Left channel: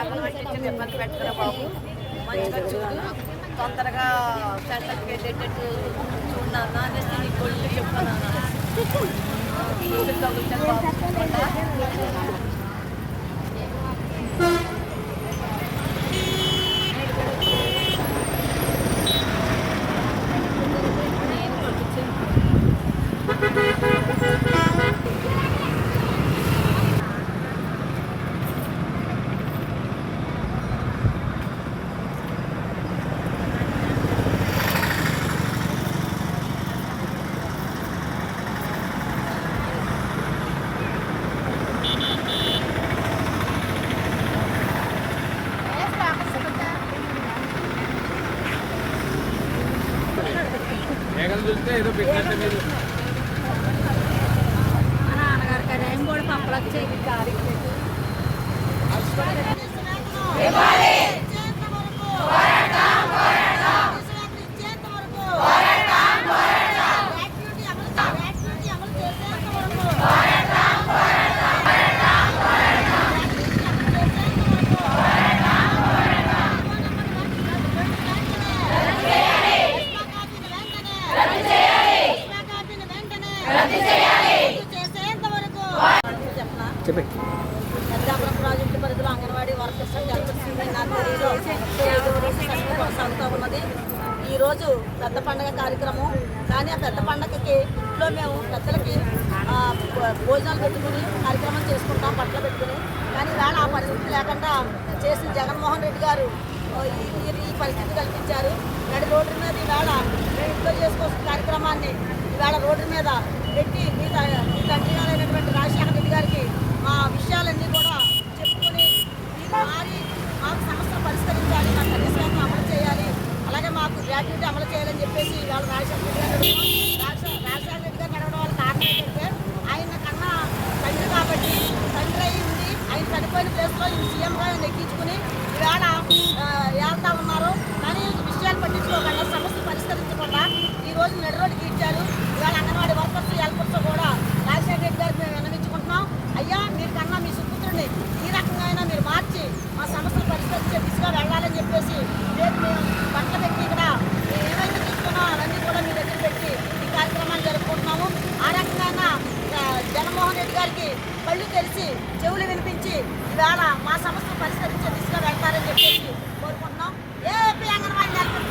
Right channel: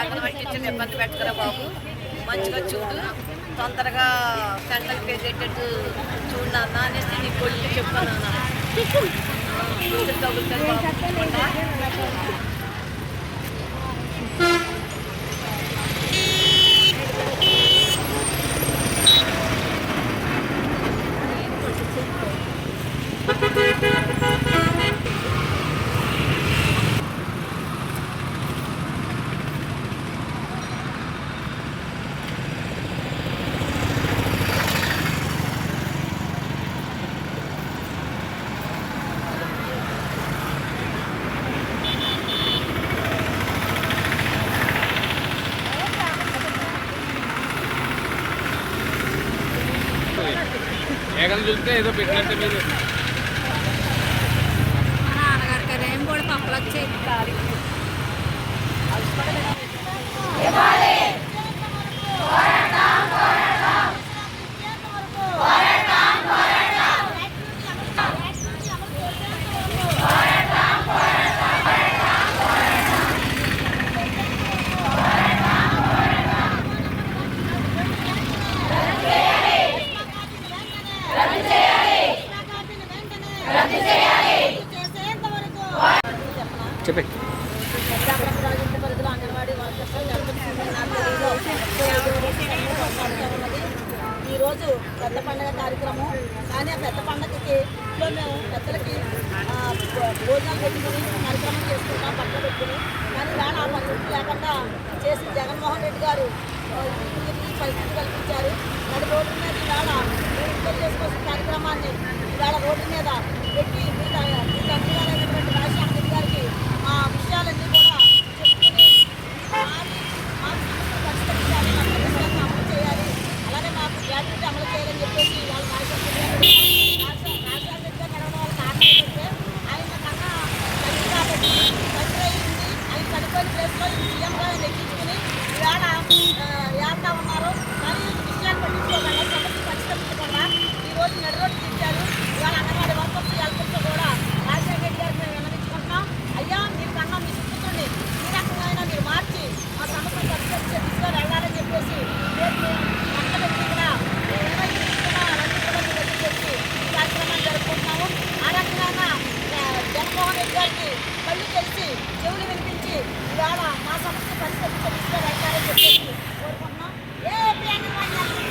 అంగన్వాడి టీచర్లు ఇబ్బంది పెట్టకరా బాబు, మంచిగా చూడు, తొందరగా సెంటర్కి వెళ్ళేటట్టు చూడన్నా అనేసి నీ కొడుకు చెప్తున్నాను. ఏదో పెట్టినట్టు మీరు మా నాన్నగారికి అదేం కూడా పంపలొచ్చేది. చెప్పే పెద్దాపురం ప్రాజెక్టు పరిధిలో అంగన్వాడీ వర్కర్స్ నర్సరీలో 35వ రోజు సమ్మె కొనసాగుతూ ఉన్నది. ఈరోజు పెద్ద పండుగ కార్యక్రమం. కానీ ఆ పెద్ద పండుగకి ఇంట్లో మేము పెద్దలకి భోజనాలు పెట్టుకుని కార్యక్రమం చేసుకుంటాం, బట్టలు పెట్టుకుని. కానీ ఇవాళ ఆ పరిస్థితి లేకుండా చేసిన జగన్మోహన్ రెడ్డి గారు ఈ పరిస్థితి కల్పించారు. నడి రోడ్డు మీద ఈవేళ మేము ఇంట్లో చేసుకోవాల్సిన కార్యక్రమాన్ని ఈవేళ రోడ్డు మీద పెట్టి మీ తండ్రి గారైనటువంటి రాజశేఖర రెడ్డి గారికి మా విషయాలన్నీ కూడా చెప్పుకొని మాకు సమస్యలు పరిష్కరించాలి, మా సర్వీసులను అమలు చేయాలి, అలాగే మాకు గ్రాట్యుటీ అమలు చేయాలని చెప్పేసి వాళ్ళు రాజశేఖర రెడ్డి గారు రాజశేఖర రెడ్డి గారు నడవడం వల్ల కారణం ఏంటంటే ఆయన కన్నా తండ్రి కాబట్టి తండ్రి అయి ఉండి ఆయన చనిపోయిన ప్లేస్లో ఈ సీఎంగా ఆయన ఎక్కించుకుని ఇవాళ వెళ్తా ఉన్నారు. కానీ విషయాలు పట్టించుకోకుండా సమస్యలు పరిష్కరించకుండా ఈరోజు నడి రోడ్డు తీర్చారు. ఇవాళ అంగన్వాడీ వర్కర్స్ హెల్పర్స్ కూడా రాజశేఖర రెడ్డి గారికి మేము విన్నవించుకుంటున్నాం. అయ్యా మీరు కన్నా మీ సుపుత్రుడిని ఈ రకంగా అయినా మీరు మార్చి మా సమస్యలు పరిష్కరించే దిశగా వెళ్ళాలని చెప్పేసి రేపు మేము పట్ల పెట్టి ఇక్కడ ఏవైతే తీసుకున్నామో అవన్నీ కూడా మీ దగ్గర పెట్టి ఈ కార్యక్రమాన్ని జరుపుకుంటున్నాము. ఆ రకంగా జగన్మోహన్ రెడ్డి గారికి కళ్ళు తెలిసి చెవులు వినిపించి ఇవాళ మా సమస్యలు పరిష్కరించే దిశగా వెళ్ళాలని చెప్పేసి కోరుకుంటున్నాం. AP anganwadi workers